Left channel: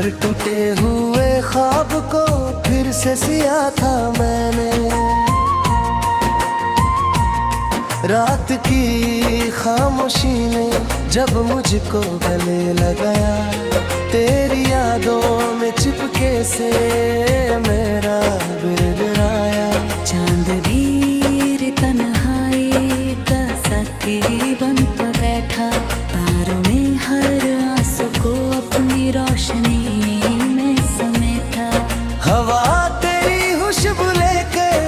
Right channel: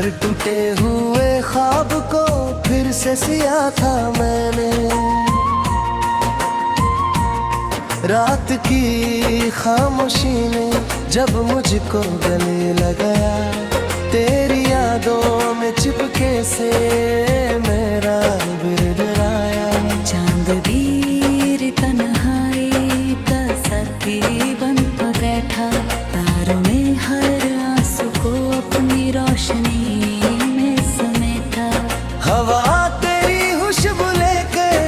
हर टूटे हुए ख्वाब को फिर से सिया था मैंने। रात की खामोशी ने जब मुझको गले लगाया, तेरी यादों में चिपके से मेरा बिरबिराया। चांद भी तन्हाई का साथी बन बैठा, तारों में हर आंसू को अपनी रोशनी में समेटा। हवा तेरी खुशबू लेकर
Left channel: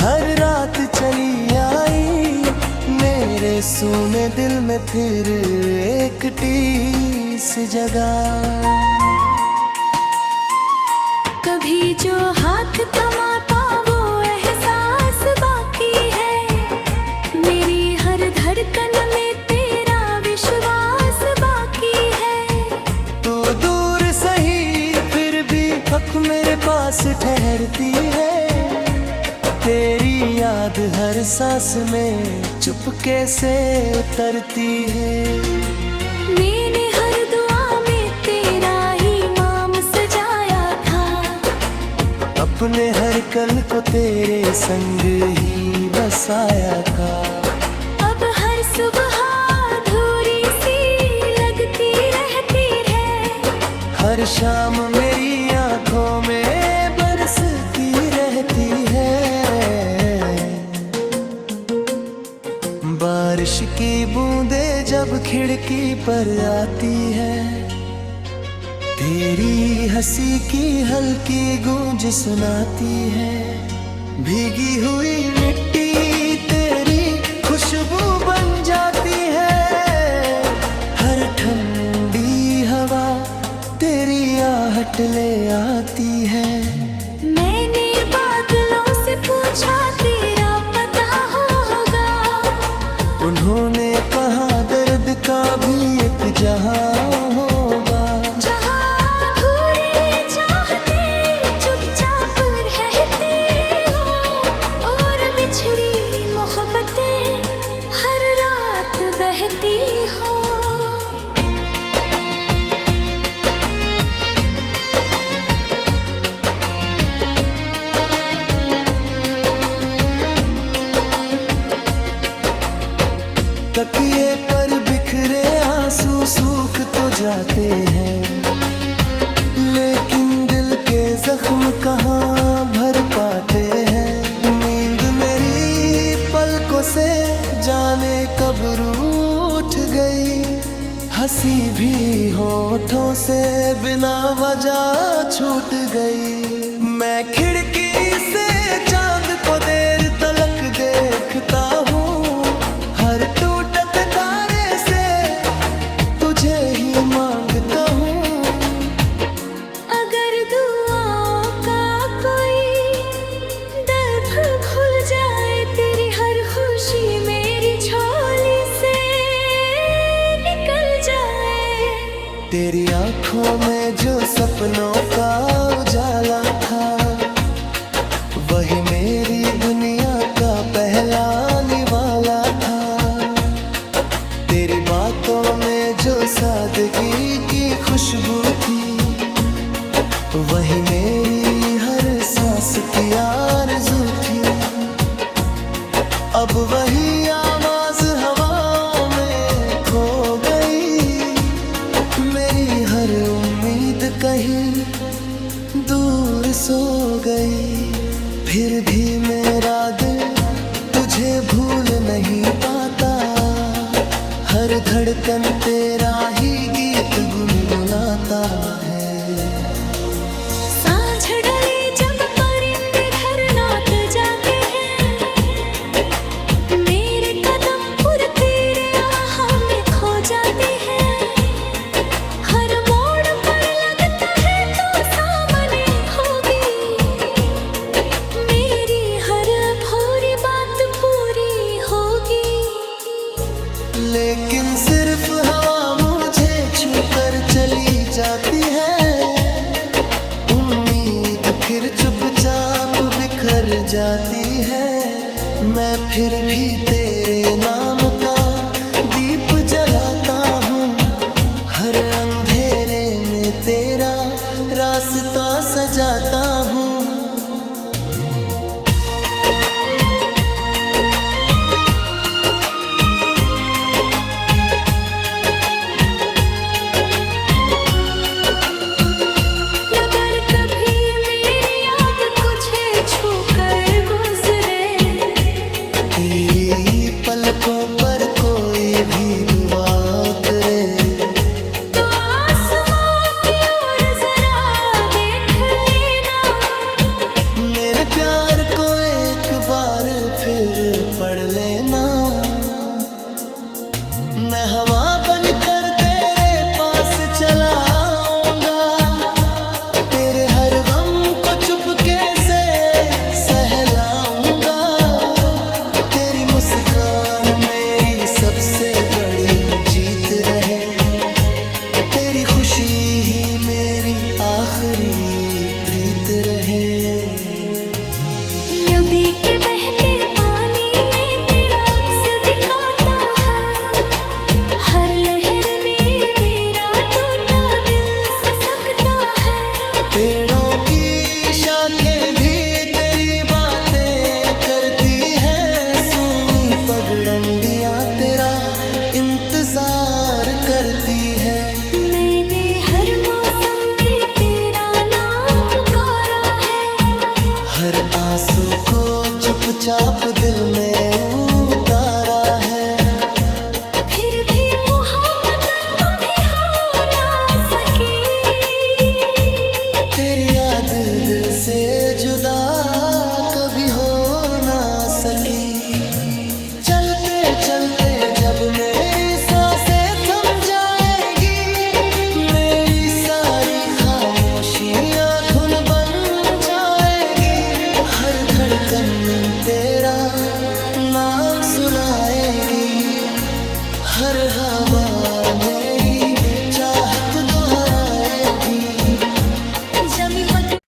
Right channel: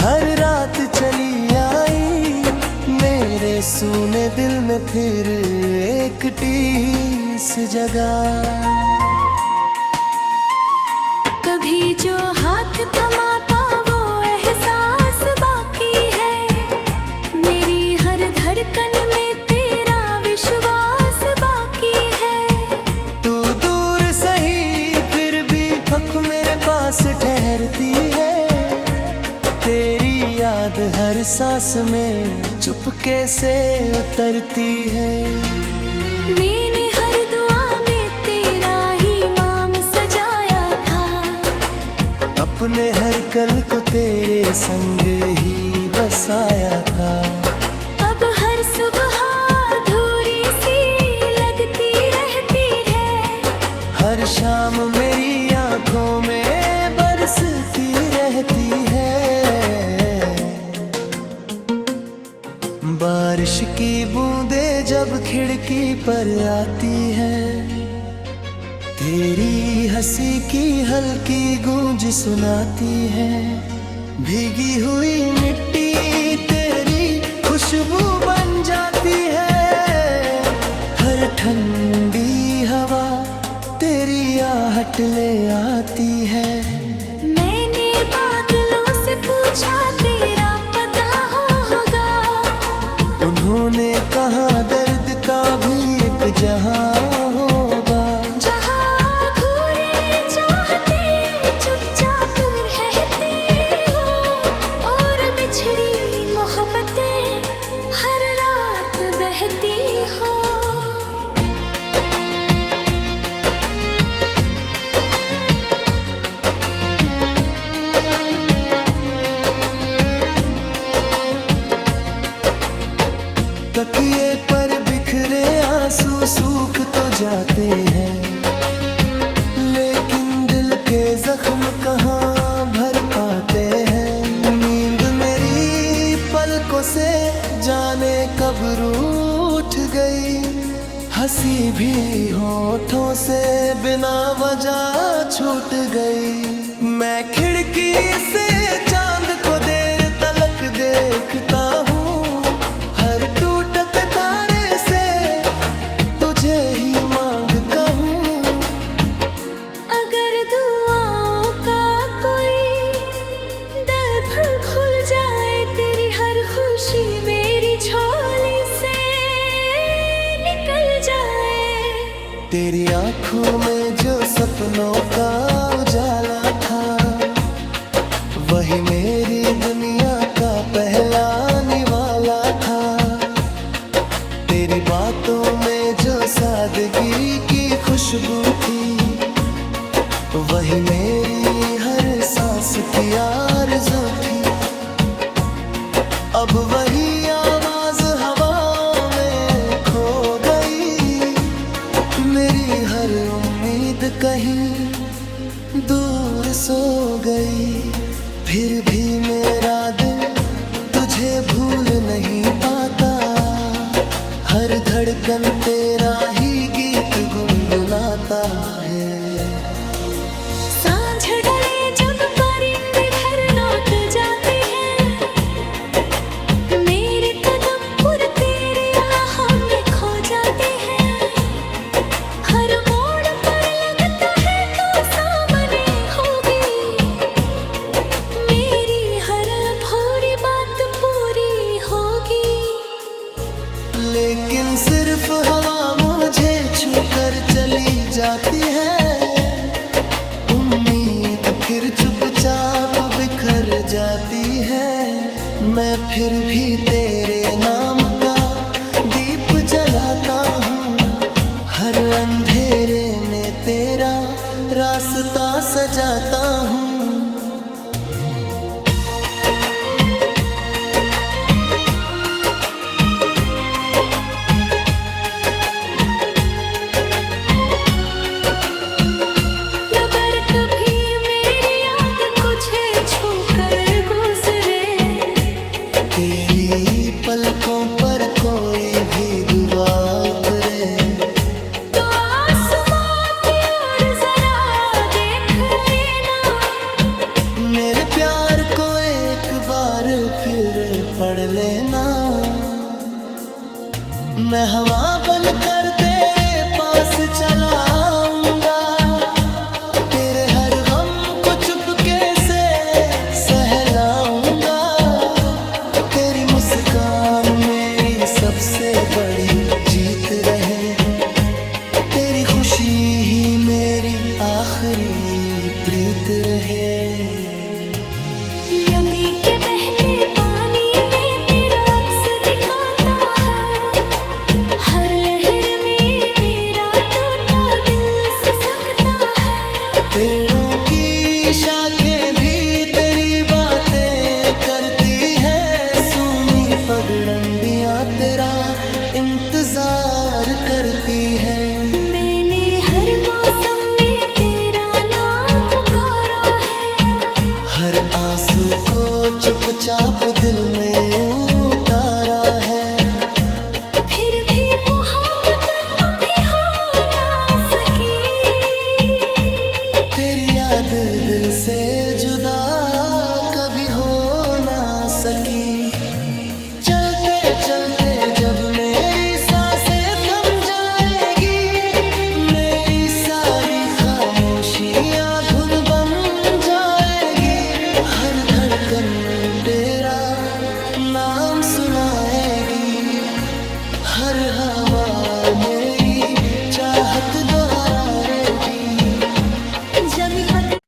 हर रात चली आई, मेरे सूने दिल में फिर एक टीस जगा। कभी जो हाथ थमाता वो एहसास बाकी है, मेरी हर धड़कन में तेरा विश्वास बाकी है। तू दूर सही फिर भी पक मेरे पास ठहरती है, तेरी याद हर सांस में चुपके से उतरती है। मैंने हर दुआ में तेरा ही नाम सजाया था, अपने हर कल को तेरे संग ही बसाया था। अब हर सुबह अधूरी सी लगती रहती है, हर शाम मेरी आंखों में बरसती रहती है। बारिश की बूंदें जब खिड़की पर आती है, तेरी हंसी की हल्की गूंज सुनाती है। भीगी हुई मिट्टी तेरी खुशबू बन जाती है, हर ठंडी हवा तेरी आहट ले आती है। मैंने बादलों से पूछा तेरा पता होगा, उन्होंने कहा दर्द का भी एक जहां होगा। जहां अधूरी चाहते चुपचाप रहती हो, और बिछड़ी मोहब्बतें हर रात बहती हो। तकिए पर बिखरे आंसू सूख तो जाते हैं, लेकिन दिल के जख्म कहाँ भर पाते हैं। नींद मेरी पलकों से जाने कब रूठ गई, हंसी भी होठों से बिना वजह छूट गई। मैं खिड़की से चांद को देर तलक देखता हूँ, हर टूटत तारे से तुझे ही मांगता हूँ। अगर दुआओं का कोई दर खुल जाए, तेरी हर खुशी मेरी झोली से निकल जाए। तेरी आंखों में जो सपनों का उजाला था, वही मेरी दुनिया का पहला निवाला था। तेरी बातों में जो सादगी की खुशबू थी, वही मेरी हर सांस की आरज़ू थी। अब वही आवाज हवाओं में खो गई, मेरी हर उम्मीद कहीं दूर सो गई। फिर भी मेरा दिल तुझे भूल नहीं पाता, हर धड़कन तेरा ही गीत गुनगुनाता है। सांझ ढले जब परिंदे घर लौट जाते हैं, मेरे कदम पुर तेरे आहों में खो जाते हैं। हर मोड़ पर लगता है तो सामने होगी, मेरी हर अधूरी बात पूरी होगी। लेकिन सिर्फ हवा मुझे छूकर चली जाती है, उम्मीद फिर चुपचाप बिखर जाती है। मैं फिर भी तेरे नाम का दीप जलाता हूँ, हर अंधेरे में तेरा रास्ता सजाता हूँ। अगर कभी मेरी याद कुछ छू कर गुजरे, तेरी पलकों पर कोई भी दुआ उतरे, तो आसमां की ओर जरा देख लेना। मेरे प्यार को एक बार फिर पढ़ लेना। मैं हवा बनकर तेरे पास चला आऊंगा, तेरे हर गम को चुपके से सहलाऊंगा। तेरी मुस्कान मेरी सबसे बड़ी जीत रहे, तेरी खुशी ही मेरी आखिरी प्रीत रहे। नबी के बहते पानी में तेरा अक्स दिखाता है, हर लहर में मेरा टूटा दिल सिसकता है। पेड़ों की शाखें भी तेरी बातें करती है, सूनी पगडंडियां तेरा इंतजार करती है। मैंने हर मौसम में तेरा नाम पुकारा है, हर आंसू को चुपचाप दिल में उतारा है। फिर भी मोहब्बत तुम भी हो ना सकी। तेरी याद दिल से जुदा कभी हो ना सकी। चलते चलते जब मेरी सांसें थम जाएगी, मेरी सारी खामोशियां धुन बन जाएगी। हर धड़कन तेरा नाम सुनाएगी, हर हवा मेरी चाहत दोहराएगी। जमी पद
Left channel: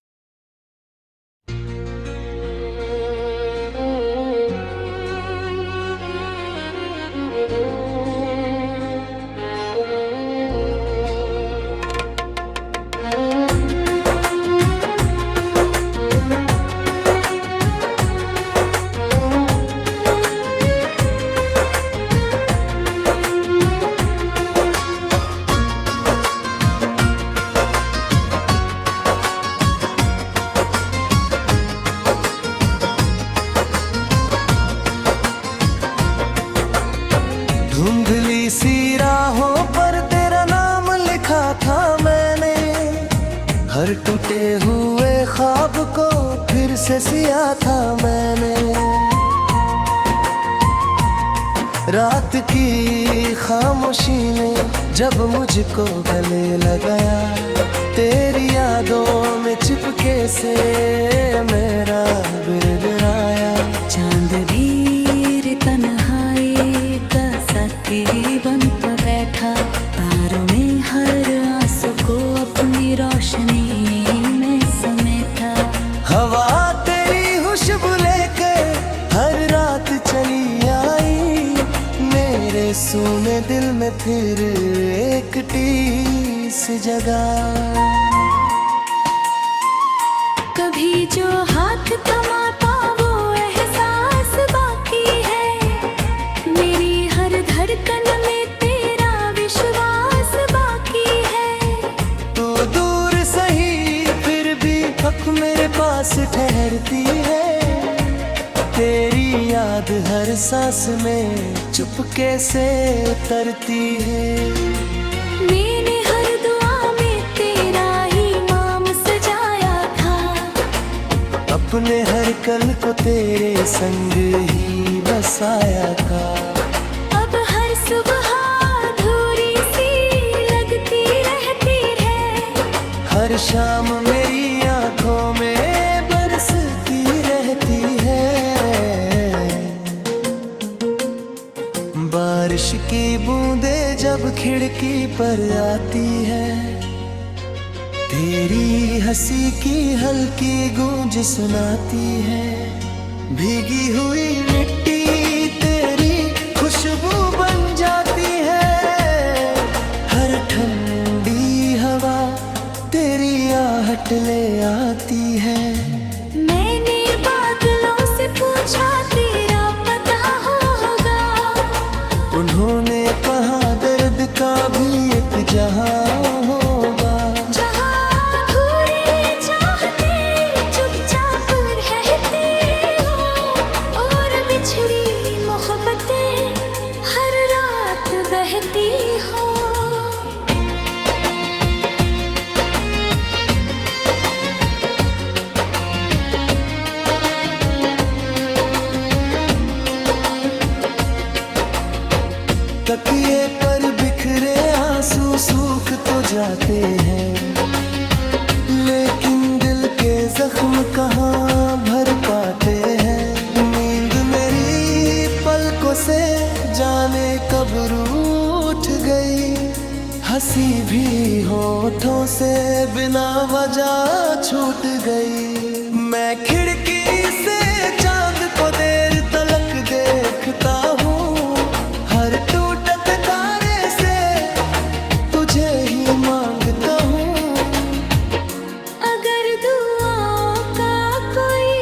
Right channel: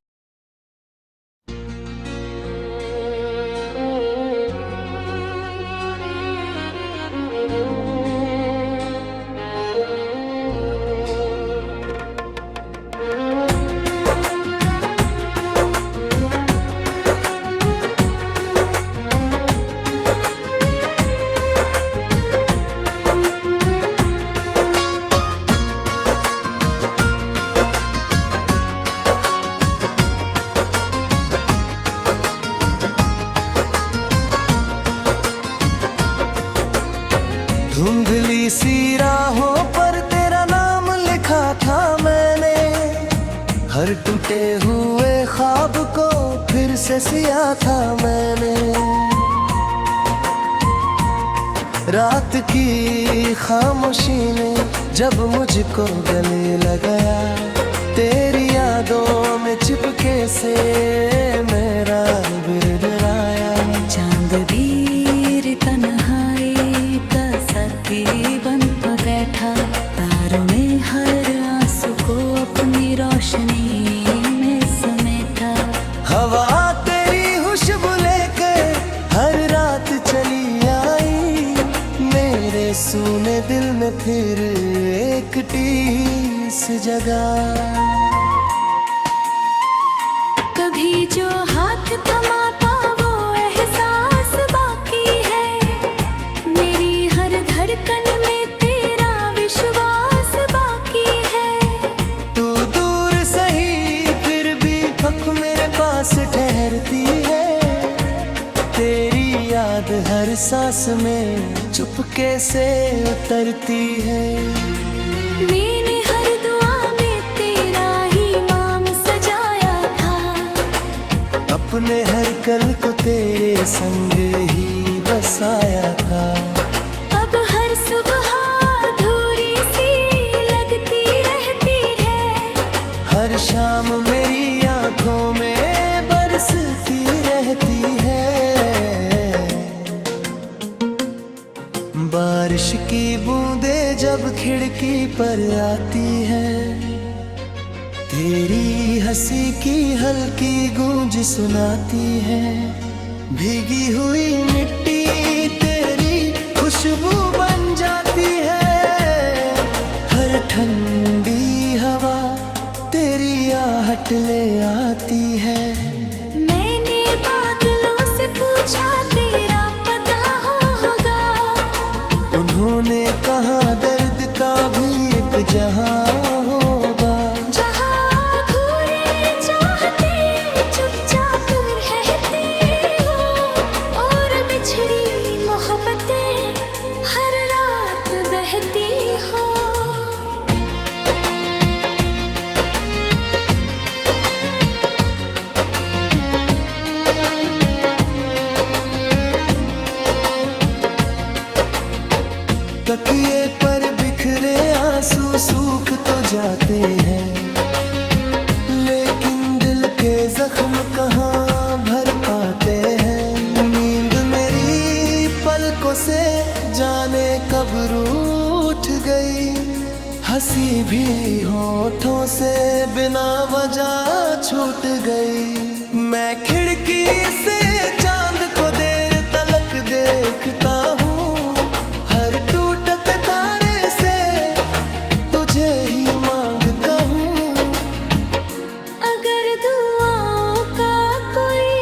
धुंधली सी राहों पर तेरा नाम लिखा था मैंने, हर टूटे हुए ख्वाब को फिर से सिया था मैंने। रात की खामोशी ने जब मुझको गले लगाया, तेरी यादों में चिपके से मेरा बिरबिराया। चांद भी तन्हाई का साथी बन बैठा, तारों में हर आंसू को अपनी रोशनी में समेटा। हवा तेरी खुशबू लेकर हर रात चली आई, मेरे सूने दिल में फिर एक टीस जगा। कभी जो हाथ थमाता वो एहसास बाकी है, मेरी हर धड़कन में तेरा विश्वास बाकी है। तू दूर सही फिर भी हक मेरे पास ठहरती है, तेरी याद हर सांस में चुपके से उतरती है। मैंने हर दुआ में तेरा ही नाम सजाया था, अपने हर कल को तेरे संग ही बसाया था। अब हर सुबह अधूरी सी लगती रहती है, हर शाम मेरी आंखों में बरसती रहती है। बारिश की बूंदें जब खिड़की पर आती है, तेरी हंसी की हल्की गूंज सुनाती है। भीगी हुई मिट्टी तेरी खुशबू बन जाती है, हर ठंडी हवा तेरी आहट ले आती है। मैंने बादलों से पूछा तेरा पता होगा, उन्होंने कहा दर्द का भी एक जहां होगा। जहाँ अधूरी चाहते चुपचाप रहती हो, और बिछड़ी मोहब्बतें हर रात बहती हो। तकिए पर बिखरे आंसू सूख तो जाते हैं, लेकिन दिल के जख्म कहाँ भर पाते हैं। नींद मेरी पलकों से जाने कब रूठ गई, हंसी भी होठों से बिना वजह छूट गई। मैं खिड़की से चांद को देर तलक देखता हूँ, हर टूटत तारे से तुझे ही मांगता हूँ। अगर दुआओं का कोई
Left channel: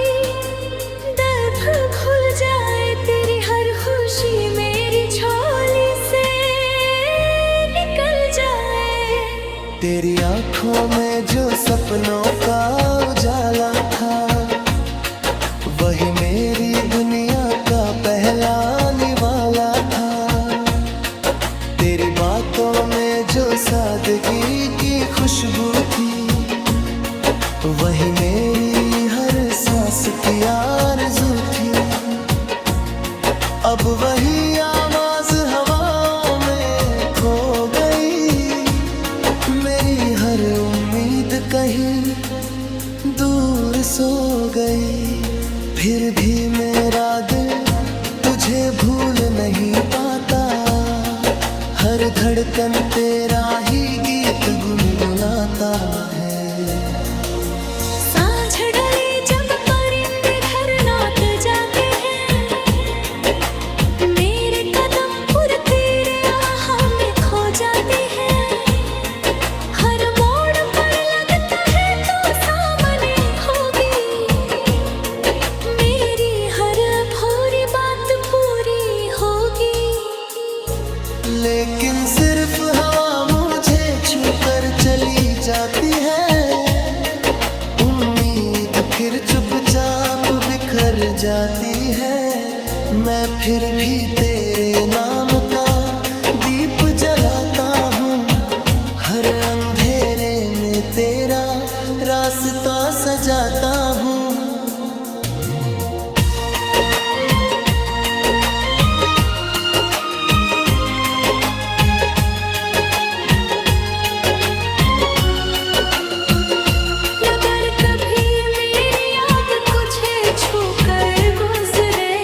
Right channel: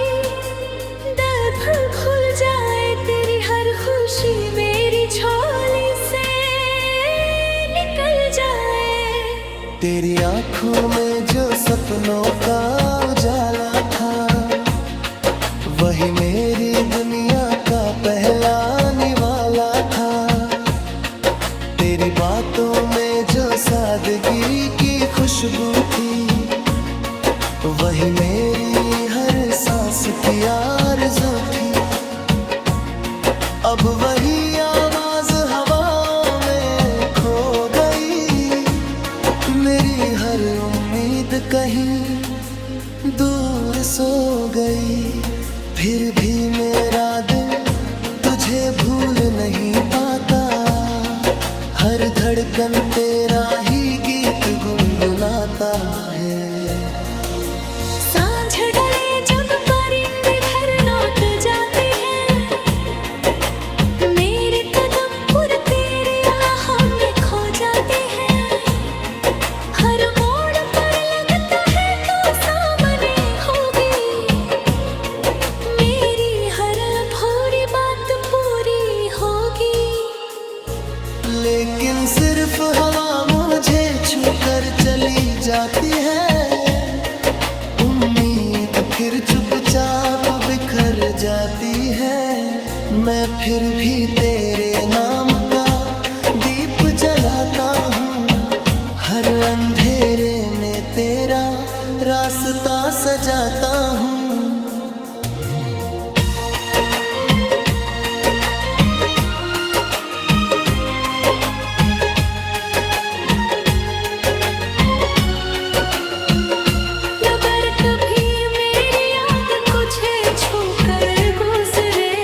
दर खुल जाए, तेरी हर खुशी मेरी झोली से निकल जाए। तेरी आंखों में जो सपनों का उजाला था, वही मेरी दुनिया का पहला निवाला था। तेरी बातों में जो सादगी की खुशबू थी, वही मेरी हर सांस की आरज़ू थी। अब वही आवाज हवाओं में खो गई, मेरी हर उम्मीद कहीं दूर सो गई। फिर भी मेरा दिल तुझे भूल नहीं पाता, हर धड़कन तेरा ही गीत गुनगुनाता है। सांझ ढले जब परिंदे घर लौट जाते हैं, मेरे कदम पुर तेरे आहों में खो जाते हैं। हर मोड़ पर लगता है तो सामने होगी, मेरी हर अधूरी बात पूरी होगी। लेकिन सिर्फ हवा मुझे छूकर चली जाती है, उम्मीद फिर चुपचाप बिखर जाती है। मैं फिर भी तेरे नाम का दीप जलाता हूँ, हर अंधेरे में तेरा रास्ता सजाता हूँ। अगर कभी मेरी याद तुझे छूकर गुजरे,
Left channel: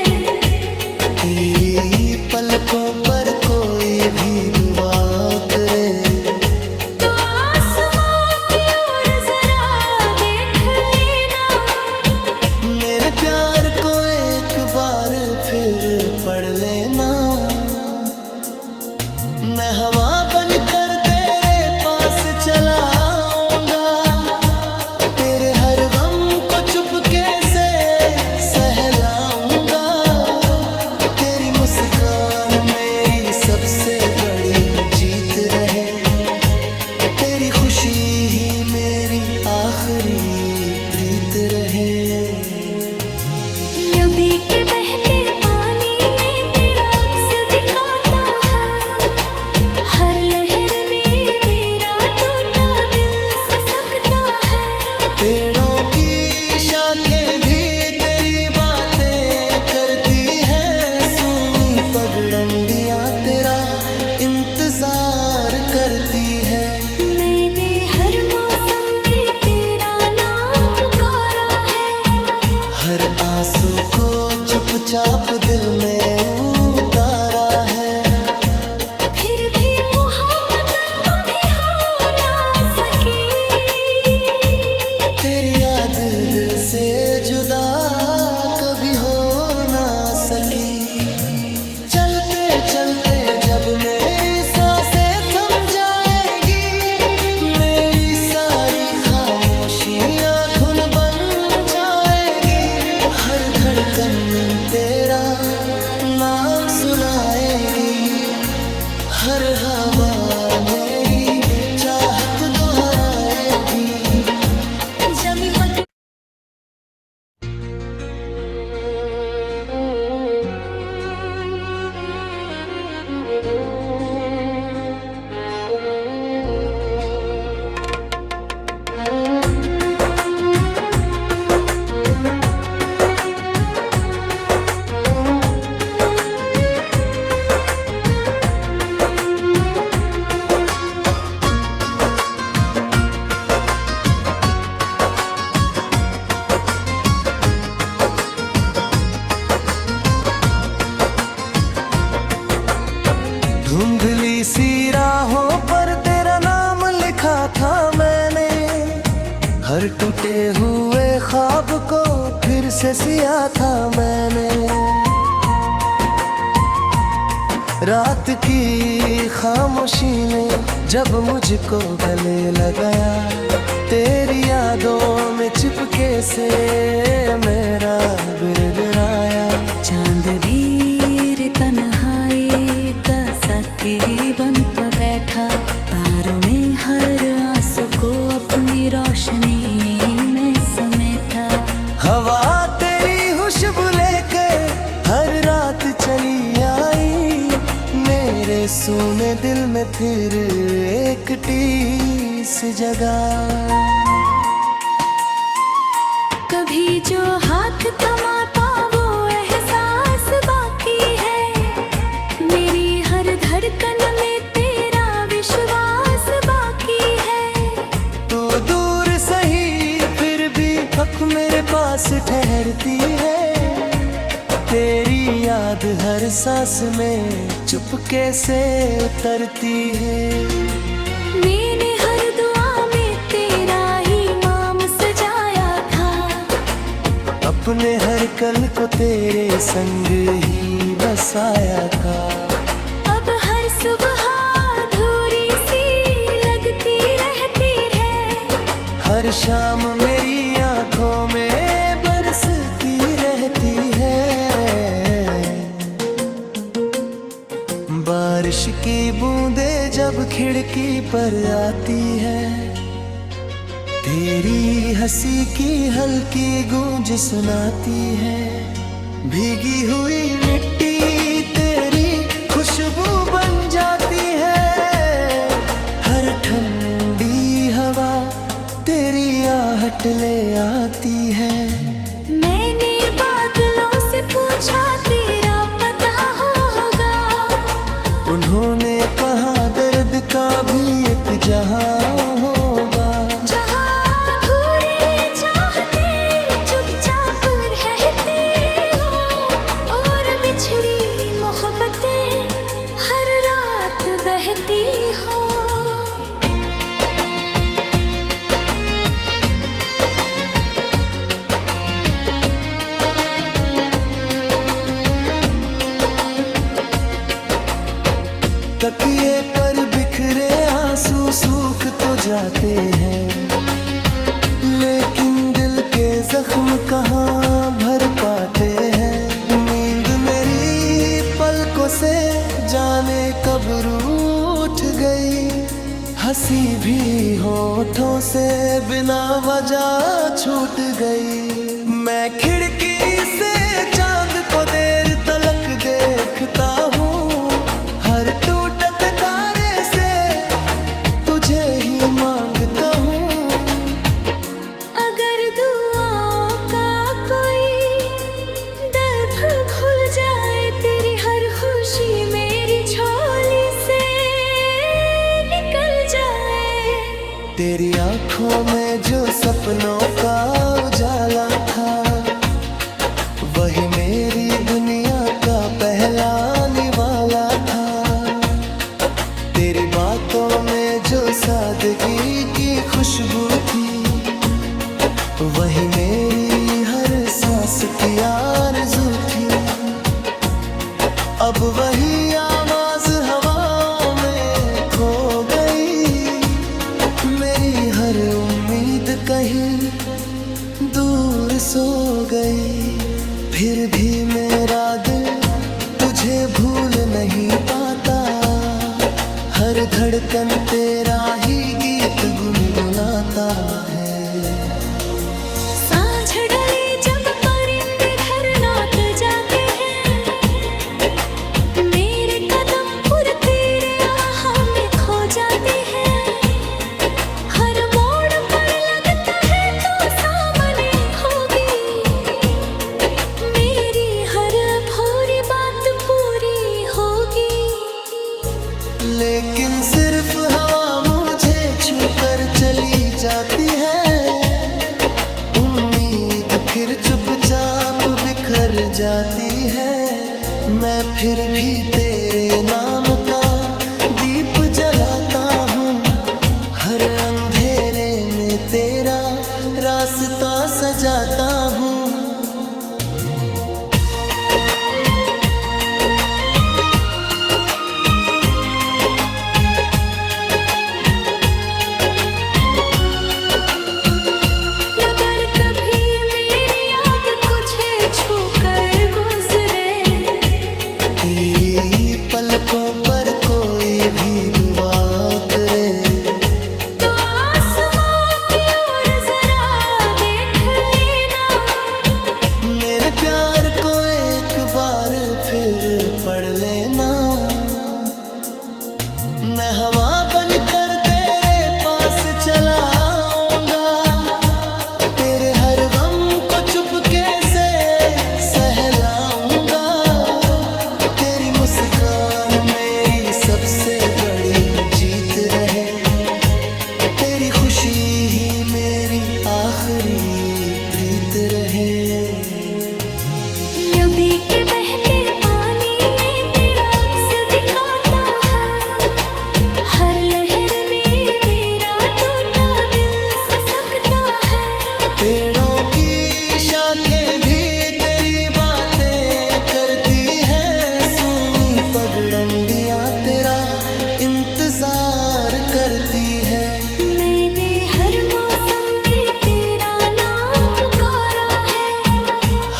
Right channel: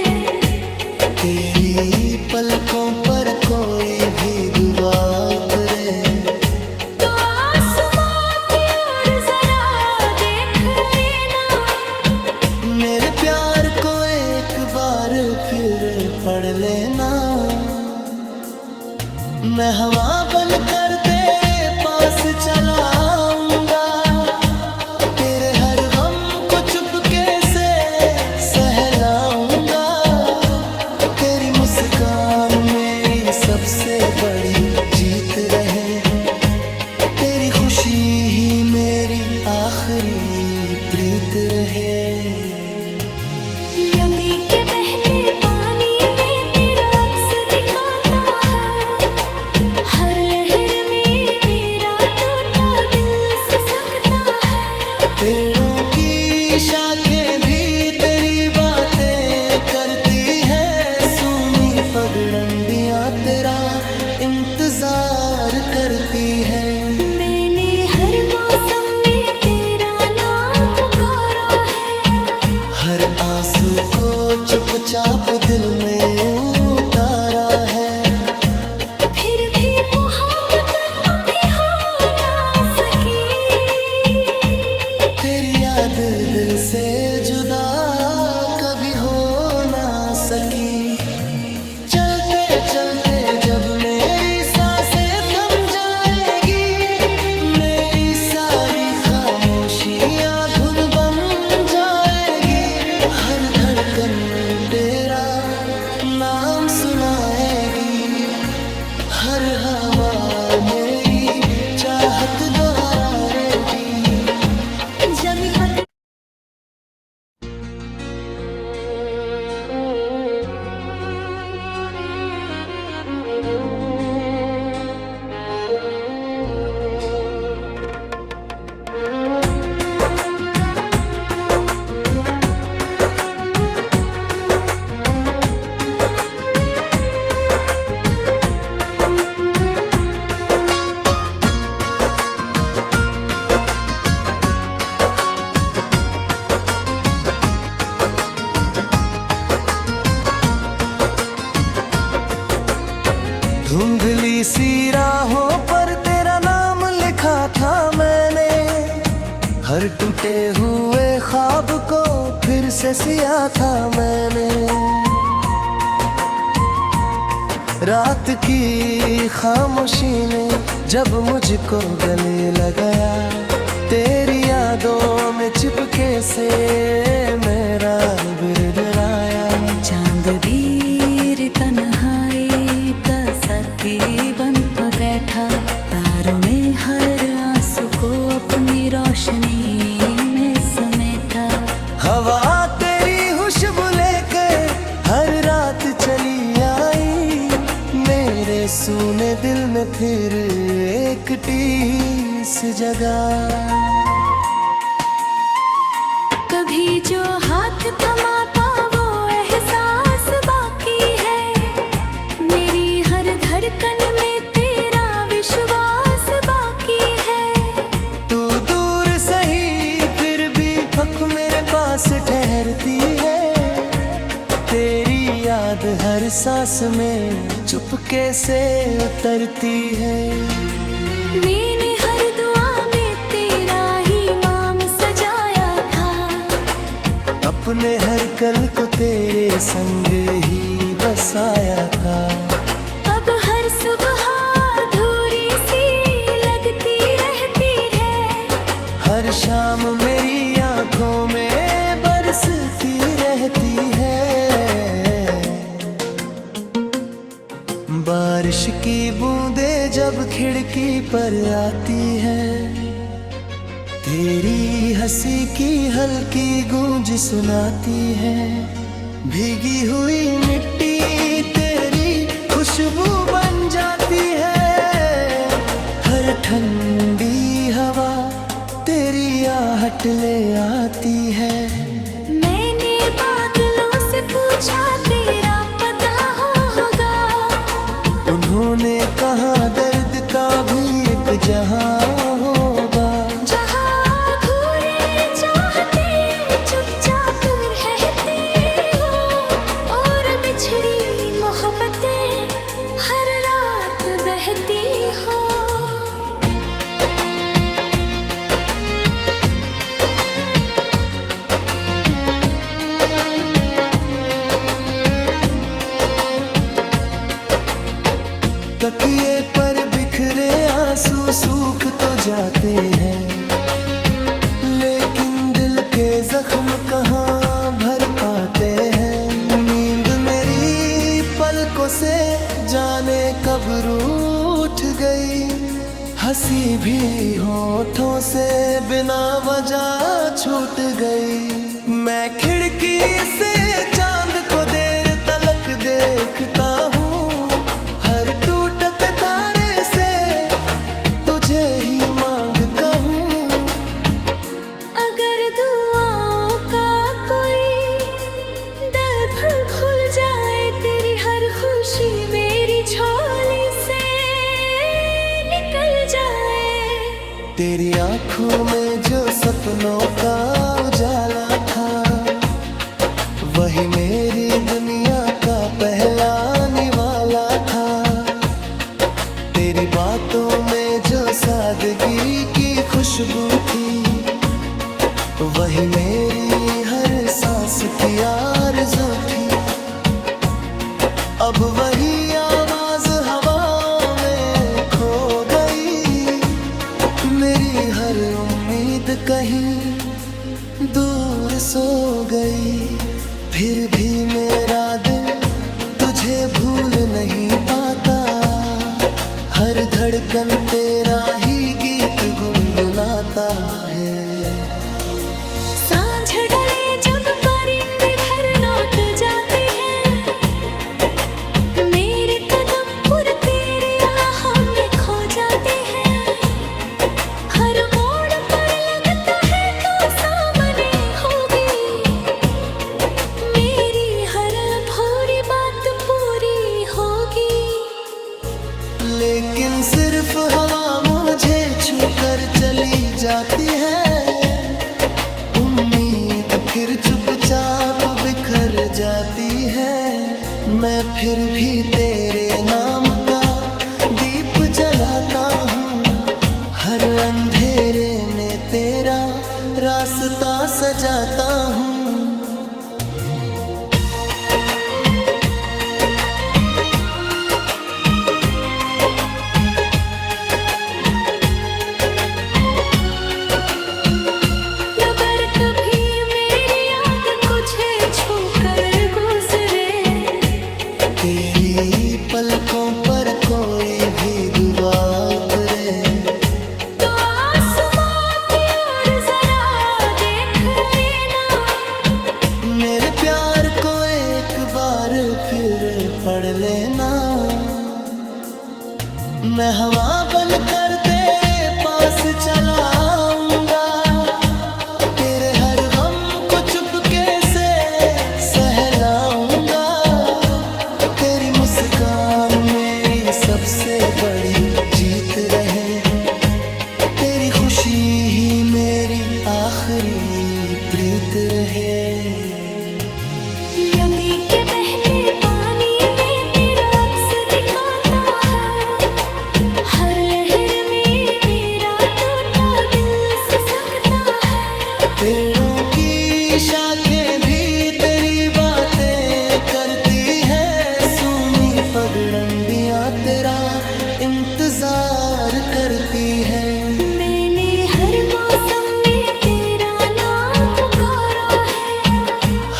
तेरी पलकों पर कोई भी दुआ उतरे, तो आसमां की ओर जरा देख लेना। मेरे प्यार को एक बार फिर पढ़ लेना। मैं हवा बनकर तेरे पास चला आऊंगा, तेरे हर गम को चुपके से सहलाऊंगा। तेरी मुस्कान मेरी सबसे बड़ी जीत रहे, तेरी खुशी ही मेरी आखिरी प्रीत रहे। नबी के बहते पानी में तेरा अक्स दिखाता है, हर लहर में मेरा टूटा दिल सिसकता है। पेड़ों की शाखें भी तेरी बातें करती है, सूनी पगडंडियां तेरा इंतजार करती है। मैंने हर मौसम में तेरा नाम पुकारा है, हर आंसू को चुपचाप दिल में उतारा है। फिर भी मोहब्बत तुम भी हो ना सकी, तेरी याद दिल से जुदा कभी हो ना सकी। चलते चलते जब मेरी सांसें थम जाएगी, मेरी सारी खामोशी खामोशियाँ धुन बन जाएगी, हर धड़कन तेरा नाम सुनाएगी, हर हवा मेरी चाहत दोहराएगी। जमी पद धुंधली सी राहों पर तेरा नाम लिखा था मैंने, हर टूटे हुए ख्वाब को फिर से सिया था मैंने। रात की खामोशी ने जब मुझको गले लगाया, तेरी यादों में चिपके से मेरा बिरबिराया। चांद वीर तन्हाई का साथी बन बैठा, तारों में हर आंसू को अपनी रोशनी में समेटा। हवा तेरी खुशबू लेकर हर रात चली आई, मेरे सूने दिल में फिर एक टीस जगा। कभी जो हाथ थमाता वो एहसास बाकी है, मेरी हर धड़कन में तेरा विश्वास बाकी है। तू दूर सही फिर भी हक मेरे पास ठहरती है, तेरी याद हर सांस में चुपके से उतरती है। मैंने हर दुआ में तेरा ही नाम सजाया था, अपने हर कल को तेरे संग ही बसाया था। अब हर सुबह अधूरी सी लगती रहती है, हर शाम मेरी आंखों में बरसती रहती है। बारिश की बूंदें जब खिड़की पर आती है, तेरी हंसी की हल्की गूंज सुनाती है। भीगी हुई मिट्टी तेरी खुशबू बन जाती है, हर ठंडी हवा तेरी आहट ले आती है। मैंने बादलों से पूछा तेरा पता होगा, उन्होंने कहा दर्द का भी एक जहां होगा। जहाँ अधूरी चाहते चुपचाप रहती हो, और बिछड़ी मोहब्बतें हर रात बहती हो। तकिए पर बिखरे आंसू सूख तो जाते हैं, लेकिन दिल के जख्म कहाँ भर पाते हैं। नींद मेरी पलकों से जाने कब रूठ गई, हंसी भी होठों से बिना वजह छूट गई। मैं खिड़की से चांद को देर तलक देखता हूँ, हर टूटत तारे से तुझे ही मांगता हूँ। अगर दुआओं का कोई दर खुल जाए, तेरी हर खुशी मेरी झोली से निकल जाए। तेरी आंखों में जो सपनों का उजाला था, वही मेरी दुनिया का पहला निवाला था। तेरी बातों में जो सादगी की खुशबू थी, वही मेरी हर सांस की आरज़ू थी। अब वही आवाज हवाओं में खो गई, मेरी हर उम्मीद कहीं दूर सो गई, फिर भी मेरा दिल तुझे भूल नहीं पाता। हर धड़कन तेरा ही गीत गुनगुनाता है। सांझ ढले जब परिंदे घर लौट जाते हैं, मेरे कदम पुर तेरे आह में खो जाते हैं। हर मोड़ पर लगता है तो सामने होगी, मेरी हर अधूरी बात पूरी होगी। लेकिन सिर्फ हवा मुझे छूकर चली जाती है। उम्मीद फिर चुपचाप बिखर जाती है। मैं फिर भी तेरे नाम का दीप जलाता हूँ। हर अंधेरे में तेरा रास्ता सजाता हूँ। अगर कभी मेरी याद तुझे छूकर गुजरे, तेरी पलकों पर कोई भी दुआ उतरे, तो आसमां की ओर जरा देख लेना। मेरे प्यार को एक बार फिर पढ़ लेना। मैं हवा बनकर तेरे पास चला आऊंगा। तेरे हर गम को चुपके से सहलाऊंगा। तेरी मुस्कान मेरी सबसे बड़ी जीत रहे। तेरी खुशी ही मेरी आखिरी प्रीत रहे। नबी के बहते पानी में तेरा अक्स दिखाता है। हर लहर में मेरा टूटा दिल सिसकता है। पेड़ों की शाखें भी तेरी बातें करती है। सूनी पगडंडियां तेरा इंतजार करती है। मैंने हर मौसम में तेरा नाम पुकारा है।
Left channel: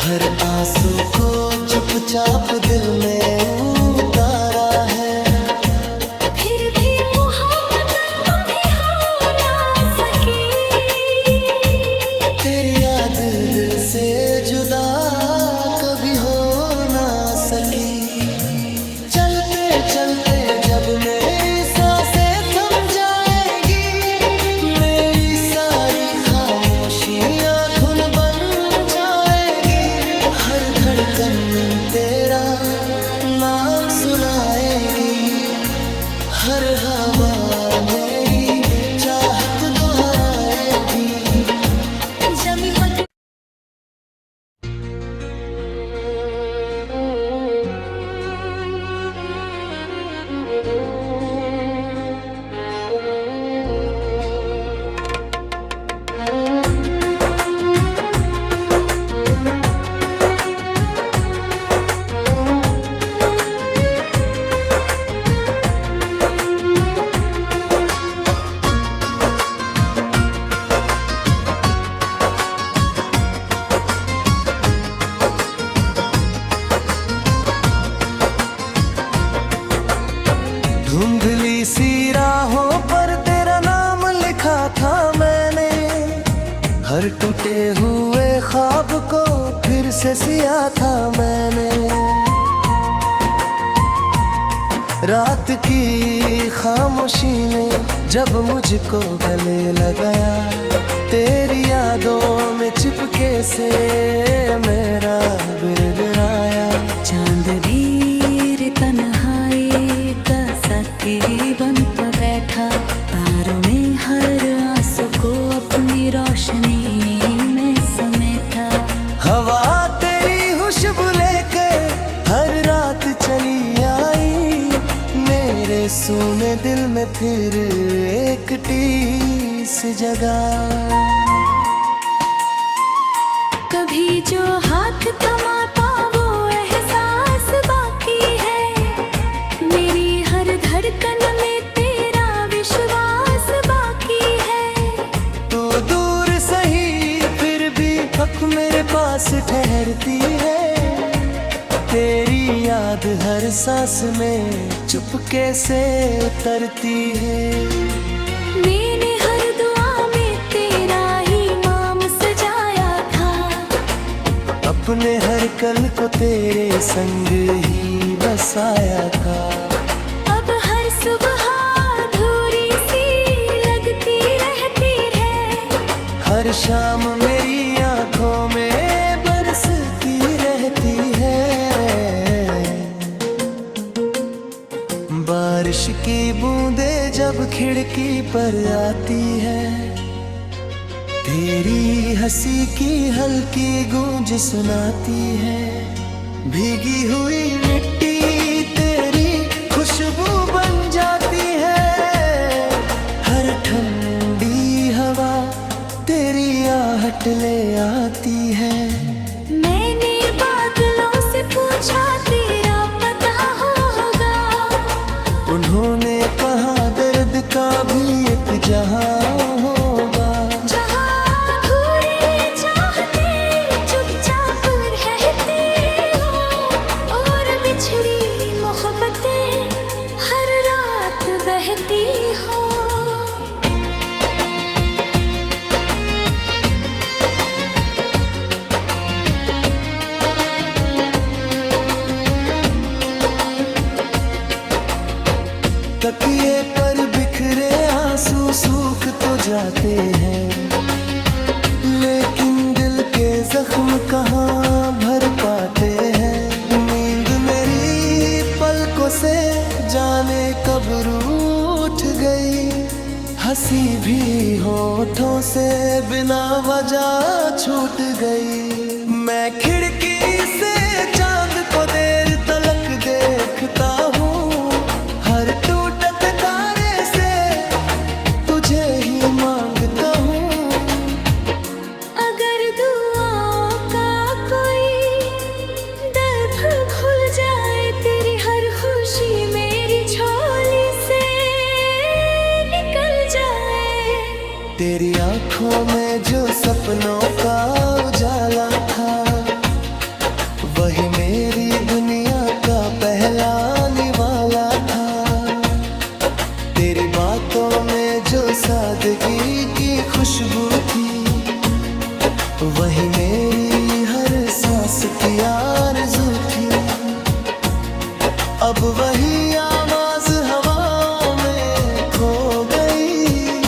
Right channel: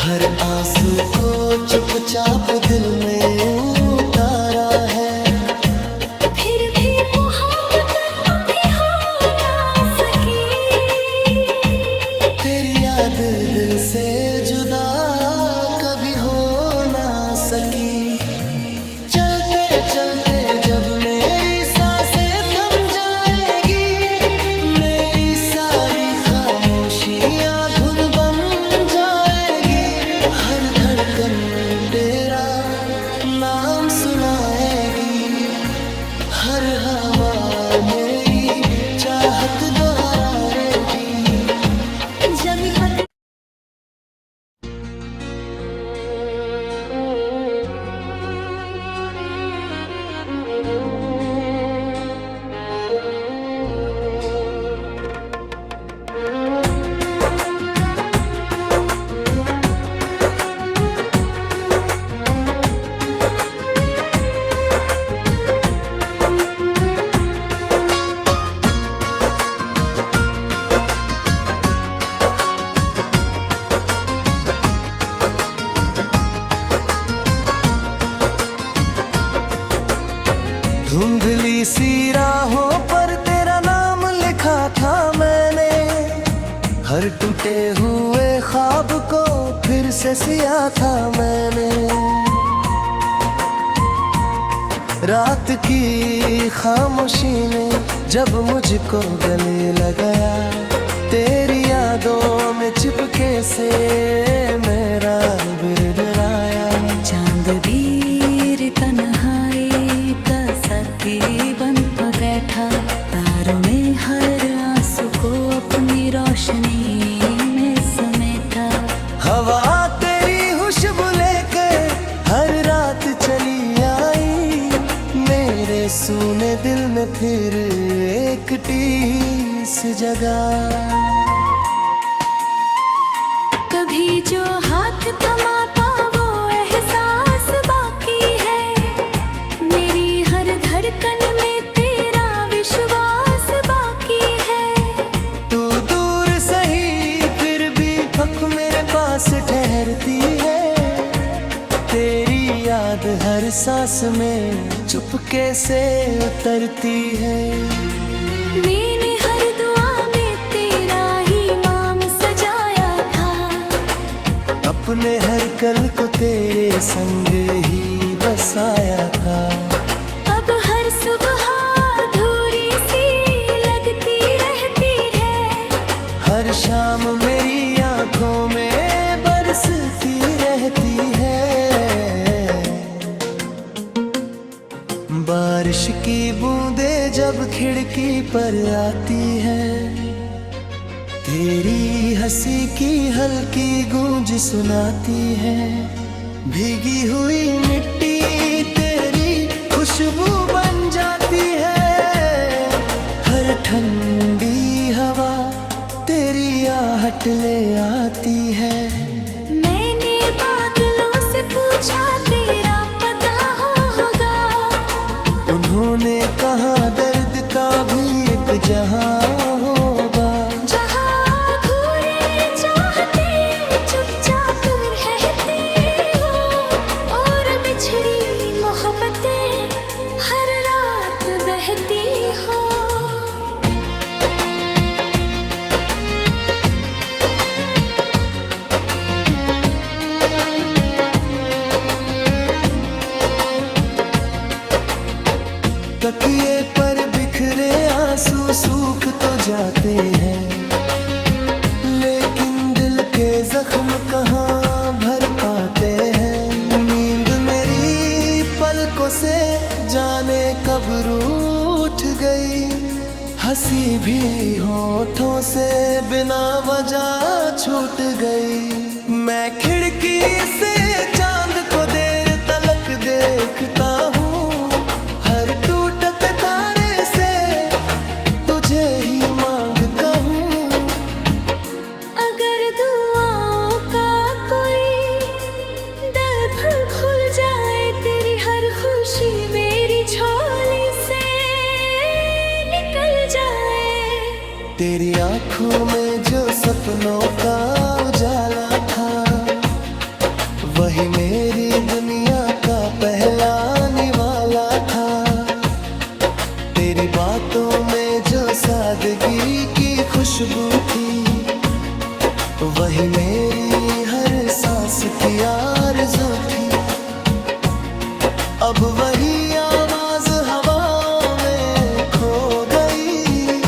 हर आंसू को चुपचाप दिल में उतारा है। फिर भी मोहब्बत कभी हो ना सकी। तेरी याद दिल से जुदा कभी हो ना सकी। चलते चलते जब मेरी सांसें थम जाएगी, मेरी सारी खामोशियां धुन बन जाएगी। हर धड़कन तेरा नाम सुनाएगी। हर हवा मेरी चाहत दोहराएगी। जमी पग धुंधली सी राहों पर तेरा नाम लिखा था मैंने। हर टूटे हुए ख्वाब को फिर से सिया था मैंने। रात की खामोशी ने जब मुझको गले लगाया, तेरी यादों में चिपके से मेरा बिरबिराया। चांद वीर तन्हाई का साथी बन बैठा। तारों में हर आंसू को अपनी रोशनी में समेटा। हवा तेरी खुशबू लेकर हर रात चली आई। मेरे सूने दिल में फिर एक टीस जगा। कभी जो हाथ थमाता वो एहसास बाकी है। मेरी हर धड़कन में तेरा विश्वास बाकी है। तू दूर बेवक मेरे पास ठहरती है। तेरी याद हर सांस में चुपके से उतरती है। मैंने हर दुआ में तेरा ही नाम सजाया था, अपने हर कल को तेरे संग ही बसाया था। अब हर सुबह अधूरी सी लगती रहती है, हर शाम मेरी आंखों में बरसती रहती है। बारिश की बूंदें जब खिड़की पर आती है, तेरी हंसी की हल्की गूंज सुनाती है। भीगी हुई मिट्टी तेरी खुशबू बन जाती है। हर ठंडी हवा तेरी आहट ले आती है। मैंने बादलों से पूछा तेरा पता होगा, उन्होंने कहा दर्द का भी एक जहां होगा। जहाँ अधूरी चाहते चुपचाप रहती हो, और बिछड़ी मोहब्बतें हर रात बहती हो। तकिए पर बिखरे आंसू सूख तो जाते हैं, लेकिन दिल के जख्म कहाँ भर पाते हैं। नींद मेरी पलकों से जाने कब रूठ गई, हंसी भी होठों से बिना वजह छूट गई। मैं खिड़की से चांद को देर तलक देखता हूँ, हर टूटत तारे से तुझे ही मांगता हूँ। अगर दुआओं का कोई दर खुल जाए, तेरी हर खुशी मेरी झोली से निकल जाए। तेरी आंखों में जो सपनों का उजाला था, वही मेरी दुनिया का पहला निवाला था। तेरी बातों में जो सादगी की खुशबू थी, वही मेरी हर सांस की आरज़ू थी। अब वही आवाज हवाओं में खो गई,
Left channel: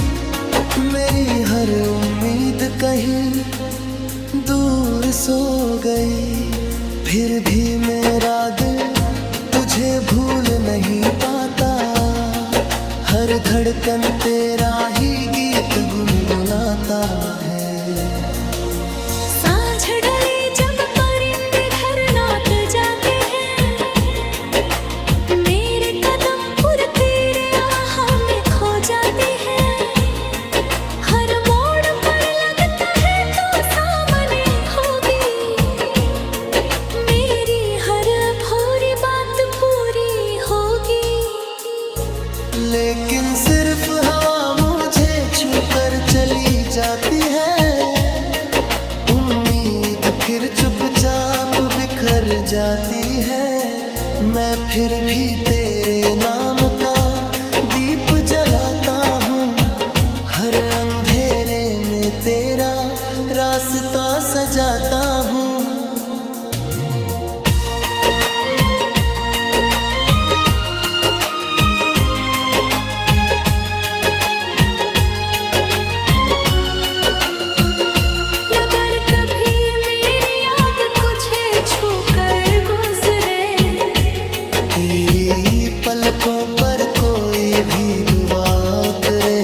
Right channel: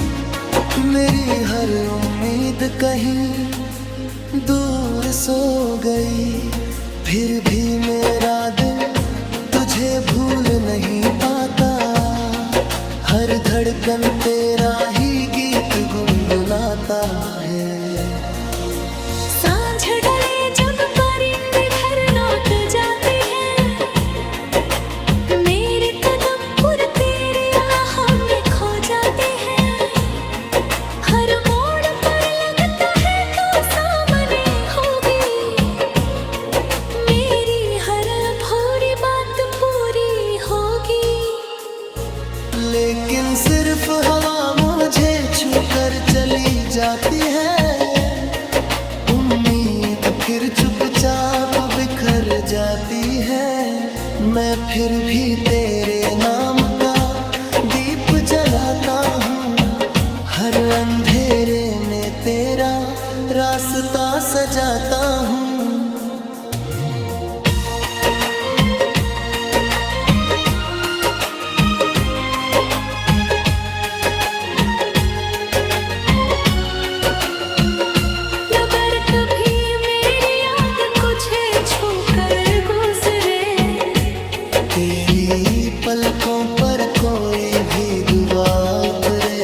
मेरी हर उम्मीद कहीं दूर सो गई। फिर भी मेरा दिल तुझे भूल नहीं पाता, हर धड़कन तेरा ही गीत गुनगुनाता है। सांझ ढले जब परिंदे घर लौट जाते हैं, मेरे कदम पुर तेरे आहों में खो जाते हैं। हर मोड़ पर लगता है तो सामने होगी, मेरी हर अधूरी बात पूरी होगी। लेकिन सिर्फ हवा मुझे छूकर चली जाती है, उम्मीद फिर चुपचाप बिखर जाती है। मैं फिर भी तेरे नाम का दीप जलाता हूँ, हर अंधेरे में तेरा रास्ता सजाता हूँ। अगर कभी मेरी याद तुझे छूकर गुजरे, तेरी पलकों पर कोई भी दुआ उतरे,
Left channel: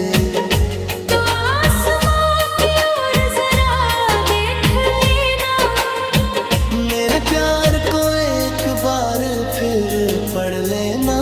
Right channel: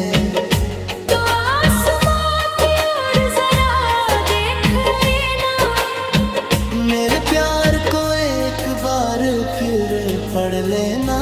तो आसमां की ओर जरा देख लेना। मेरे प्यार को एक बार फिर पढ़ लेना।